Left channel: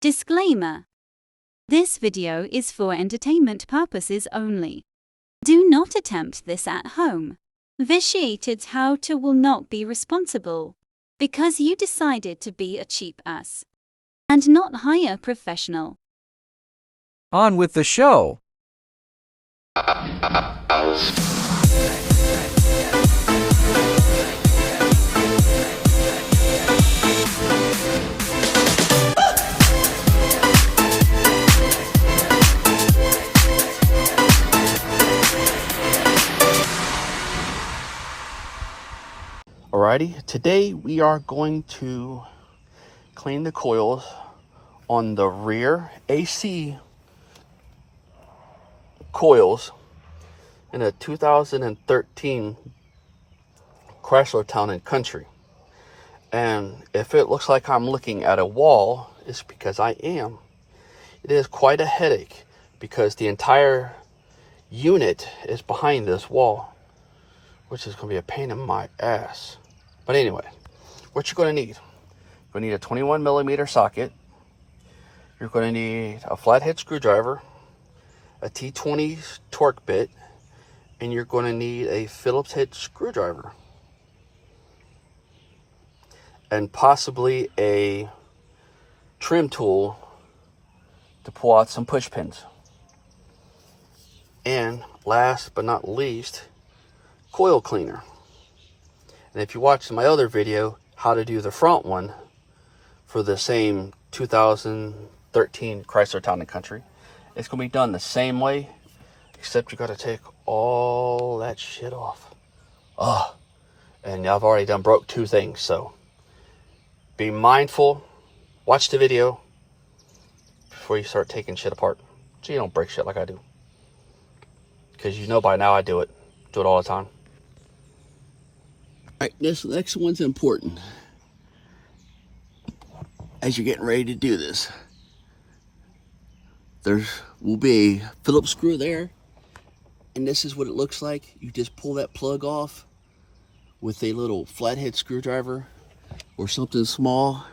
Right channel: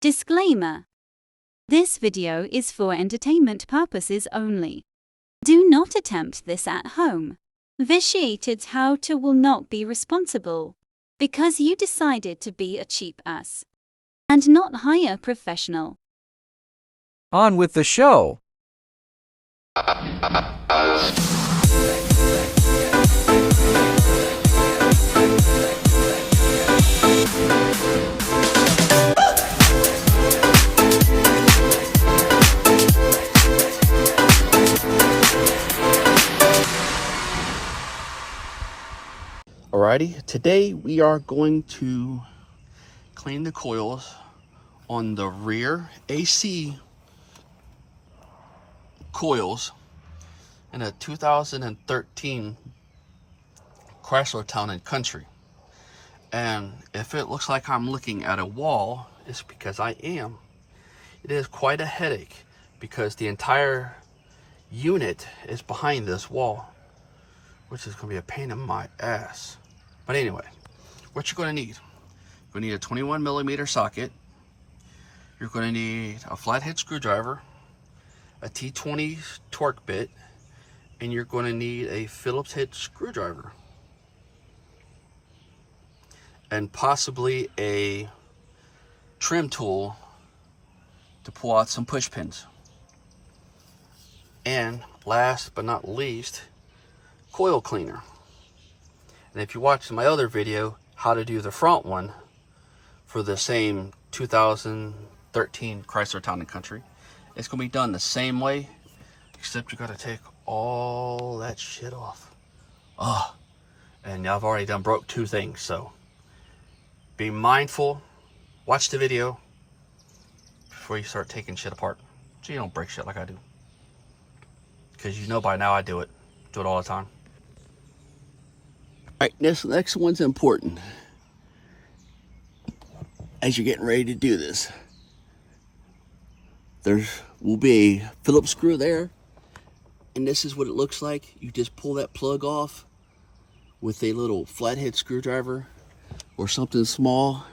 Disclaimer. This video is for entertainment purposes only. Do not attempt this at home. Vitiated how-to will not be responsible because you decided to be a cheap ass and not hire a professional. On with the show. Alrighty, today we are going to clean the coils on the rear AC coils in a 2013 Chrysler Town Country. And if it looks like I'm looking at a wall, it's because I am. It is quite a headache because the entire unit is behind this wall, which is going to be a pain in my ass. But anyway, what you're going to need. You're going to need a 21 millimeter socket. You're going to need a flathead screwdriver, a T20 torque bit, and you're going to need a Phillips head screwdriver. And possibly a trim tool to pull out some push pins. And last but not least, coil cleaner. And if you watched my other video, how to do the front one for the same 2013 Chrysler Town Country, it's going to be done the same way, except you got to take all that shit off. Oh, and I've already done broke two things, so be mindful. Watch the video before you start taking shit apart, so you don't break shit like I do. Because you know by now I do it all the time. All right, this next one's important as you're getting ready to do this. There will be a Phillips screw there, and this is what it looks like. You just pull that plug off with a little flathead screwdriver or something small,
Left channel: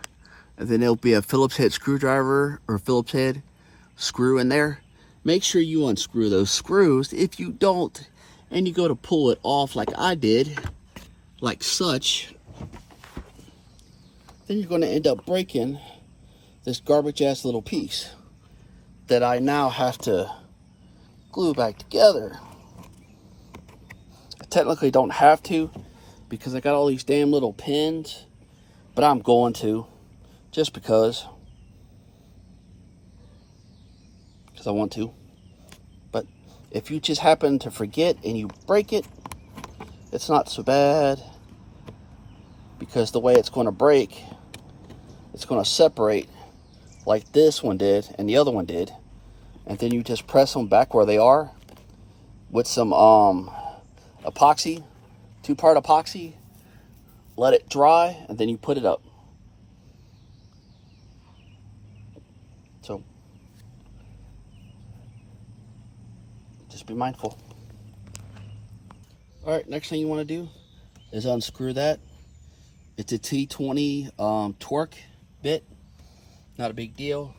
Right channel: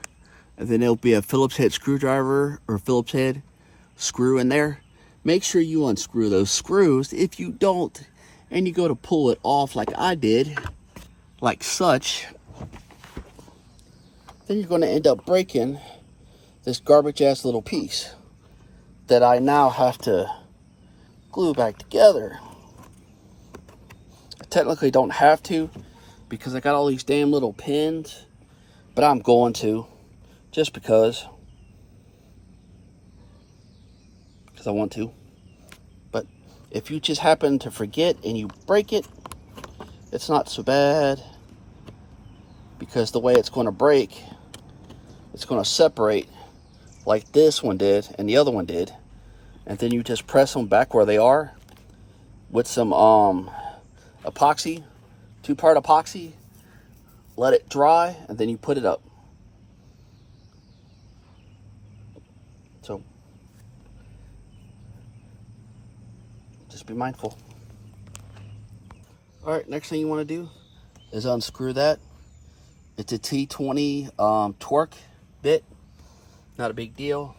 and then there'll be a Phillips head screwdriver or Phillips head screw in there. Make sure you unscrew those screws. If you don't, and you go to pull it off like I did, like such, then you're going to end up breaking this garbage ass little piece that I now have to glue back together. I technically don't have to because I got all these damn little pins, but I'm going to just because I want to. But if you just happen to forget and you break it, it's not so bad, because the way it's going to break, it's going to separate like this one did and the other one did, and then you just press them back where they are with some epoxy, 2-part epoxy, let it dry, and then you put it up. So just be mindful. All right, next thing you want to do is unscrew that. It's a T20 torque bit. Not a big deal.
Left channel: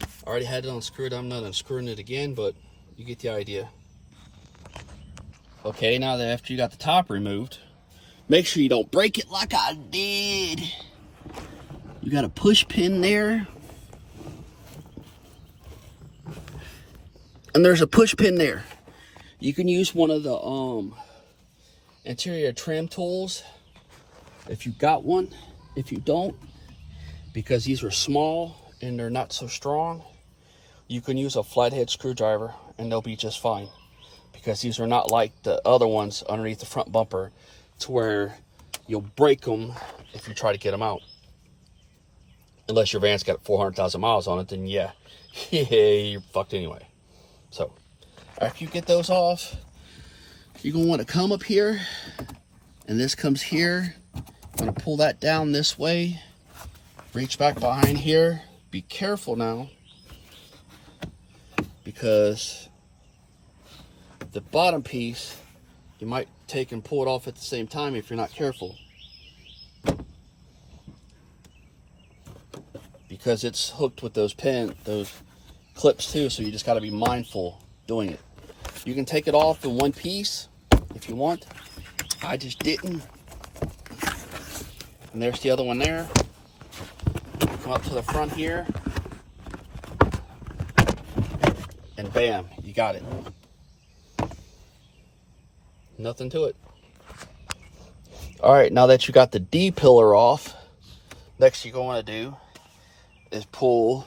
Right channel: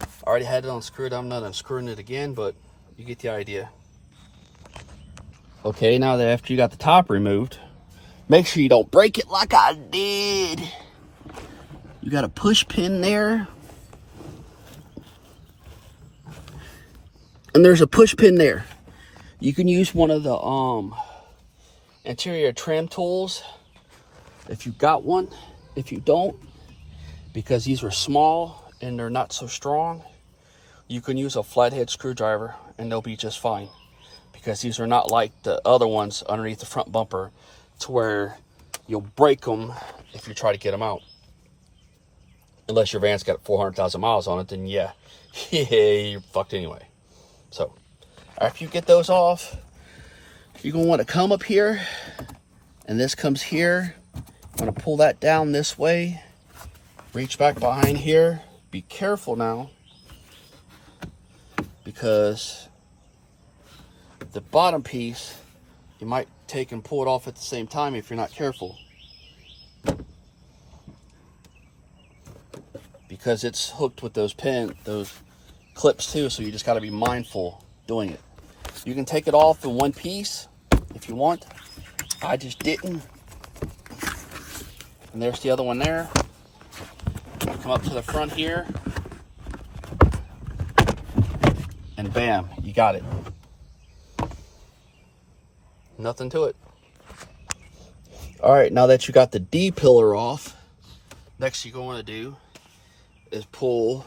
I already had it unscrewed. I'm not unscrewing it again, but you get the idea. Okay, now that after you got the top removed, make sure you don't break it like I did. You got a push pin there. And there's a push pin there. You can use one of the interior trim tools if you got one. If you don't, because these are small and they're not so strong, you can use a flathead screwdriver and they'll be just fine, because these are not like the other ones underneath the front bumper to where you'll break them if you try to get them out. Unless your van's got 400,000 miles on it, then yeah, you're fucked anyway. So after you get those off, you're going to want to come up here, and this comes here. I'm going to pull that down this way, reach back behind here. Be careful now, because the bottom piece, you might take and pull it off at the same time if you're not careful. because it's hooked with those clips too, so you just got to be mindful doing it. You can take it off in one piece if you want. I just didn't. And there's the other one there. Come up to the front here, and bam, you got it. Nothing to it. All right, now that you got the D pillar off, next you're going to do is pull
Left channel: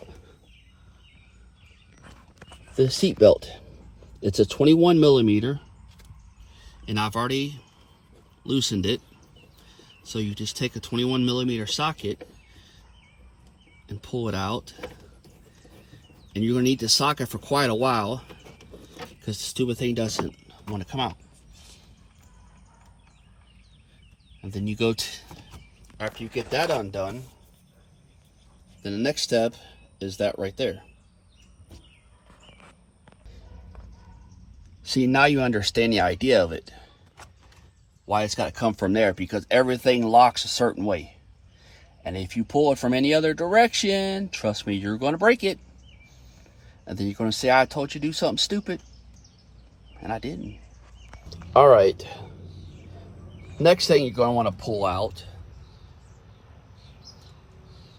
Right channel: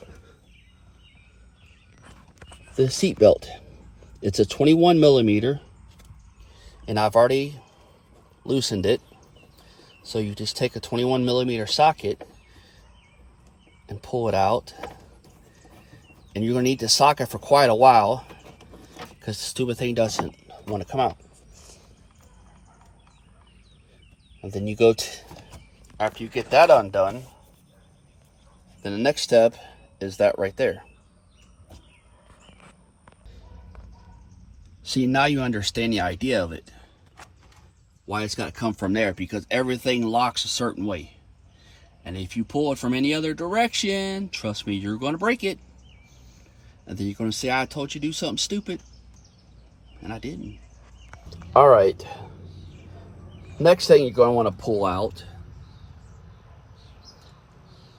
the seat belt. It's a 21 millimeter, and I've already loosened it. So you just take a 21 millimeter socket and pull it out. And you're going to need the socket for quite a while because the stupid thing doesn't want to come out. And then you go after you get that undone, then the next step is that right there. See, now you understand the idea of it. Why it's got to come from there, because everything locks a certain way. And if you pull it from any other direction, trust me, you're going to break it. And then you're going to say, I told you to do something stupid. And I didn't. All right. Next thing you're going to want to pull out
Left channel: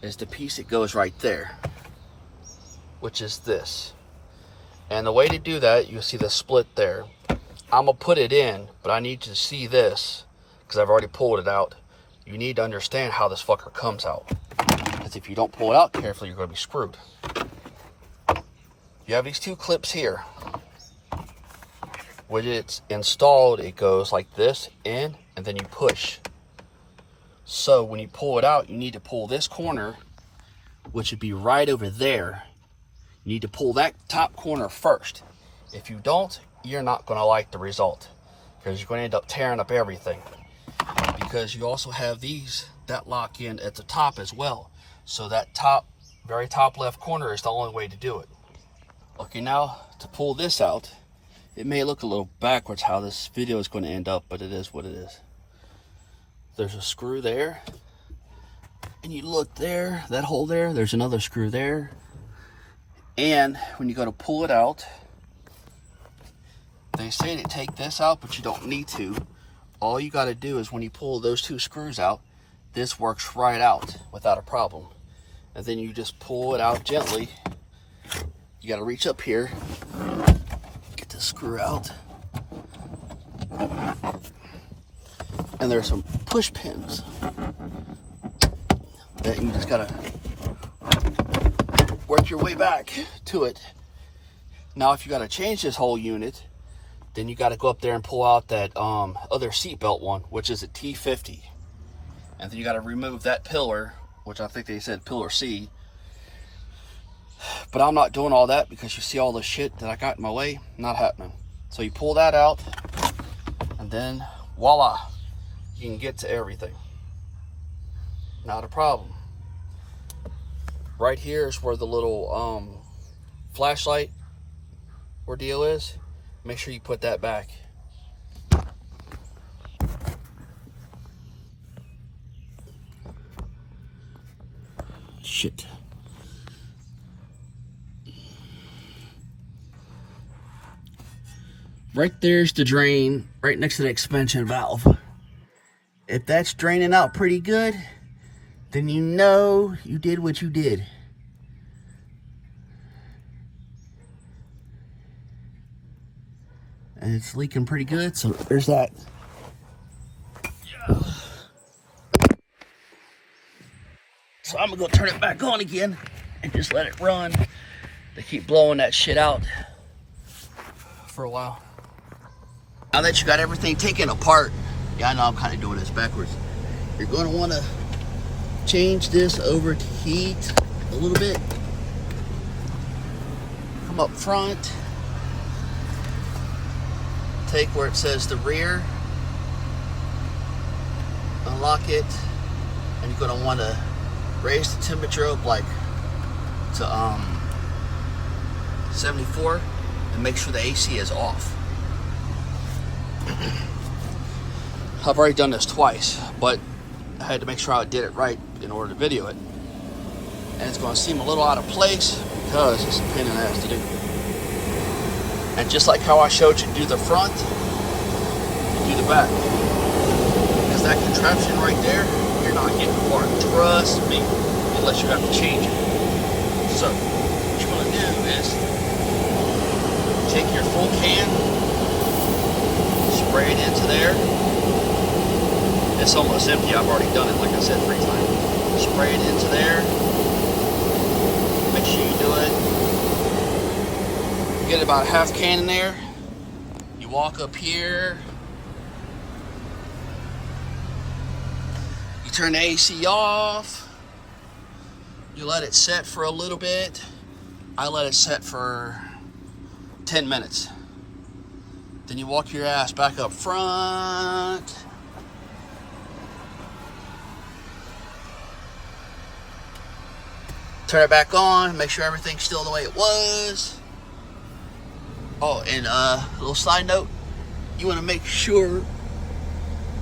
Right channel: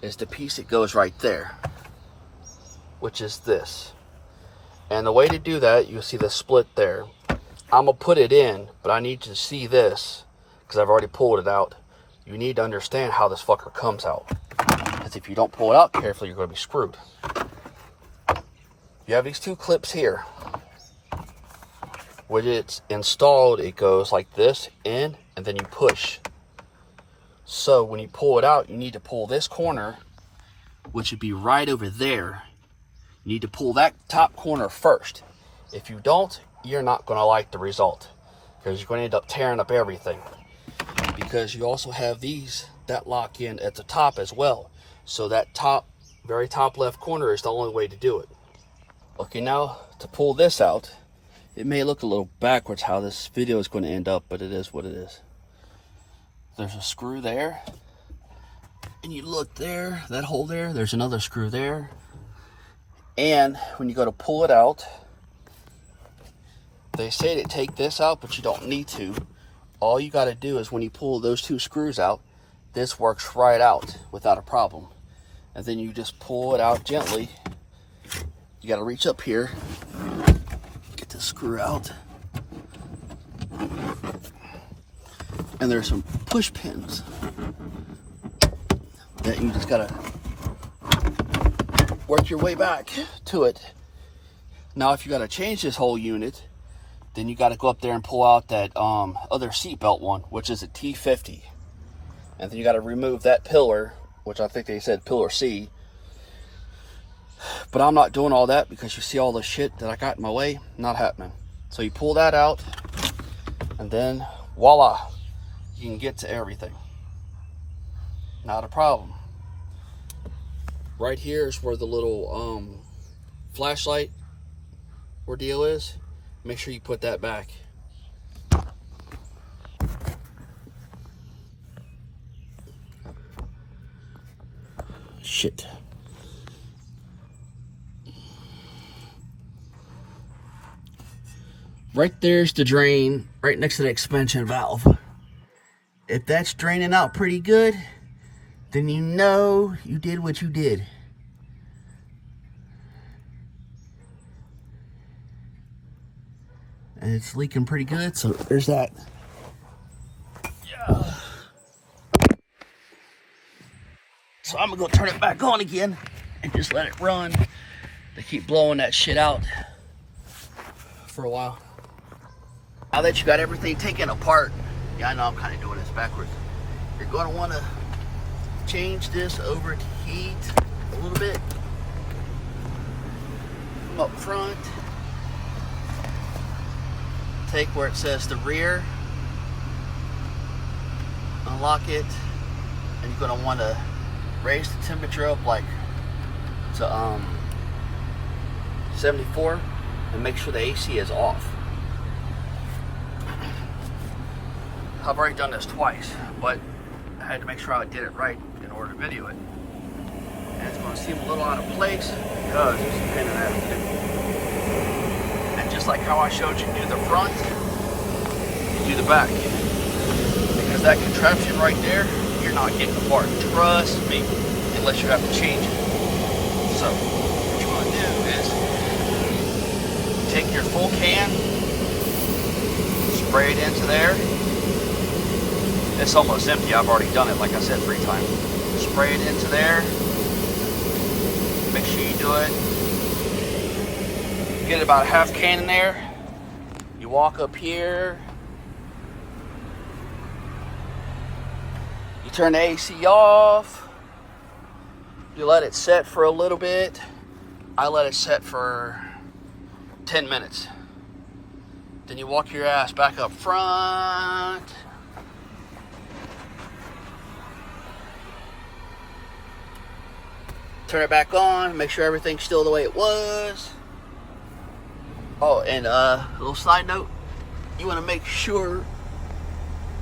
is the piece that goes right there, which is this. And the way to do that, you'll see the split there. I'm going to put it in, but I need you to see this because I've already pulled it out. You need to understand how this fucker comes out. Because if you don't pull it out carefully, you're going to be screwed. You have these two clips here. When it's installed, it goes like this in, and then you push. So when you pull it out, you need to pull this corner, which would be right over there. You need to pull that top corner first. If you don't, you're not going to like the result, because you're going to end up tearing up everything. Because you also have these that lock in at the top as well. So that top, very top left corner is the only way to do it. Okay, now to pull this out, it may look a little backwards how this video is going to end up, but it is what it is. There's a screw there, and you look there, that hole there, there's another screw there. And when you go to pull it out, they say to take this out, but you don't need to. All you got to do is when you pull those two screws out, this works right out without a problem. And then you just pull it out gently. You got to reach up here, get the screw out. And there's some push pins that you just got to work your way back to it. Now if you got to change this whole unit, then you got to go up there and pull out that other seatbelt one, which is a T50. And then you got to remove that pillar, which I think they said pillar C. But I'm not doing all that because you see all the shit that I got in my way? Not happening. So you pull that out, and then voila, you can get to everything. Not a problem. Right here is where the little flashlight ordeal is. Make sure you put that back. Shit. Right there's the drain, right next to the expansion valve. If that's draining out pretty good, then you know you did what you did. And it's leaking pretty good, so there's that. Yeah. So I'm gonna go turn it back on again and just let it run. They keep blowing that shit out for a while. Now that you got everything taken apart, yeah, I know I'm kind of doing this backwards. You're going to want to change this over to heat a little bit up front. Take where it says the rear, unlock it, and you're going to want to raise the temperature up like to 74 and make sure the AC is off. I've already done this twice, but I had to make sure I did it right in order to video it. And it's going to seem a little out of place because it's a pain in the ass to do. And just like how I showed you do the front, do the back. Because that contraption right there, you're not getting apart. Trust me, unless you have to change it. So, what you're going to do is take your full can, spray it into there. It's almost empty. I've already done it, like I said, 3 times. Spray it into there. Make sure you do it. Get about a half can in there. You walk up here. You turn the AC off. You let it set for a little bit. I let it set for 10 minutes. Then you walk your ass back up front. Turn it back on, make sure everything's still the way it was. Oh, and a little side note, you want to make sure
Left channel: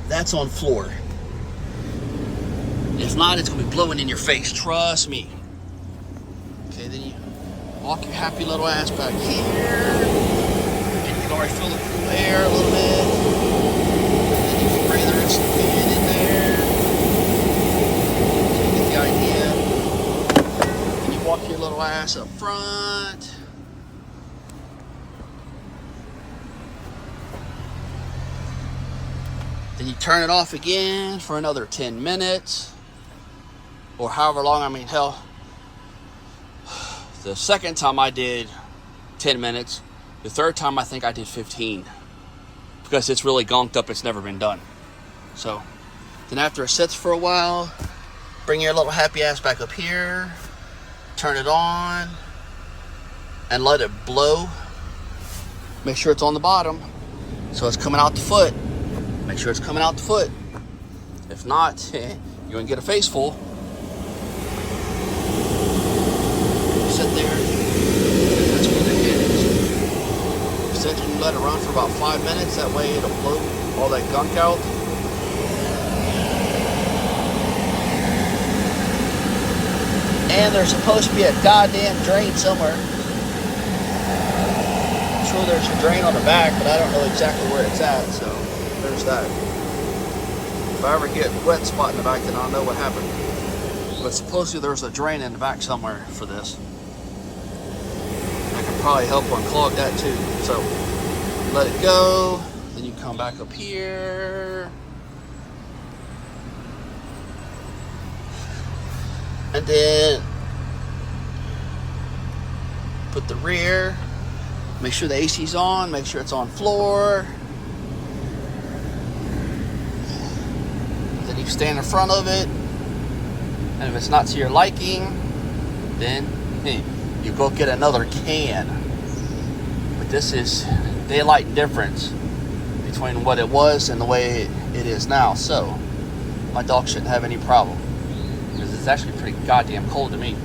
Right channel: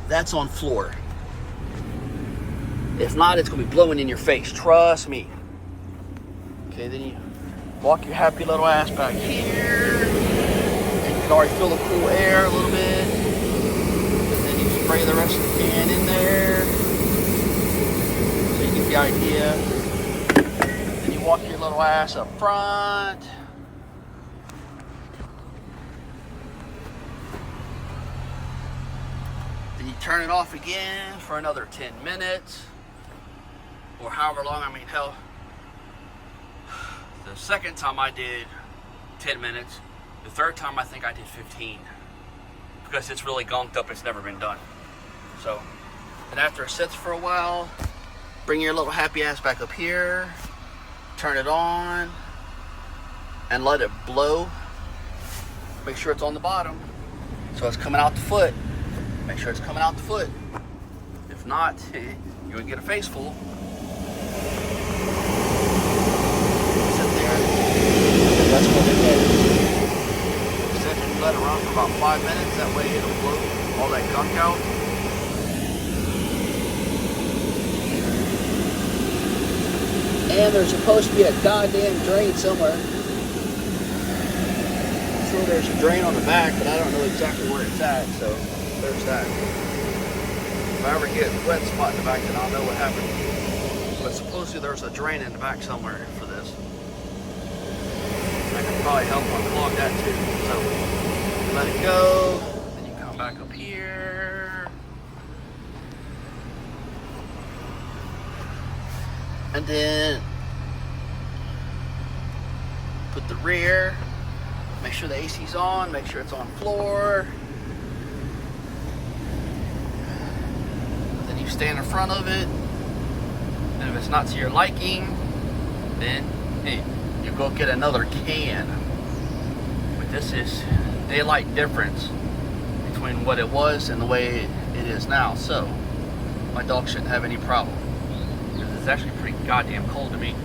that's on floor. If not, it's going to be blowing in your face, trust me. Okay, then you walk your happy little ass back here. And you can already feel the cool air a little bit. And then you spray the rest of the can in there. So you get the idea. Walk your little ass up front. Then you turn it off again for another 10 minutes or however long. I mean, hell, the second time I did 10 minutes. The third time I think I did 15 because it's really gunked up. It's never been done. So then after it sits for a while, bring your little happy ass back up here. Turn it on and let it blow. Make sure it's on the bottom so it's coming out the foot. Make sure it's coming out the foot. If not, you're gonna get a face full. Sit there. And that's what the head is. Sit there and let it run for about 5 minutes. That way it'll blow all that gunk out. There's supposed to be a goddamn drain somewhere. I'm sure there's a drain on the back, but I don't know exactly where it's at, so there's that. If I ever get a wet spot in the back, then I'll know what happened. But supposedly there's a drain in the back somewhere for this. I can probably help unclog that too. So let it go, then you come back up here. And then put the rear, make sure the AC's on, make sure it's on floor. Then you stand in front of it, and if it's not to your liking, then you go get another can. But this is daylight difference between what it was and the way it is now. So my dog shouldn't have any problem. It's actually pretty goddamn cold to me.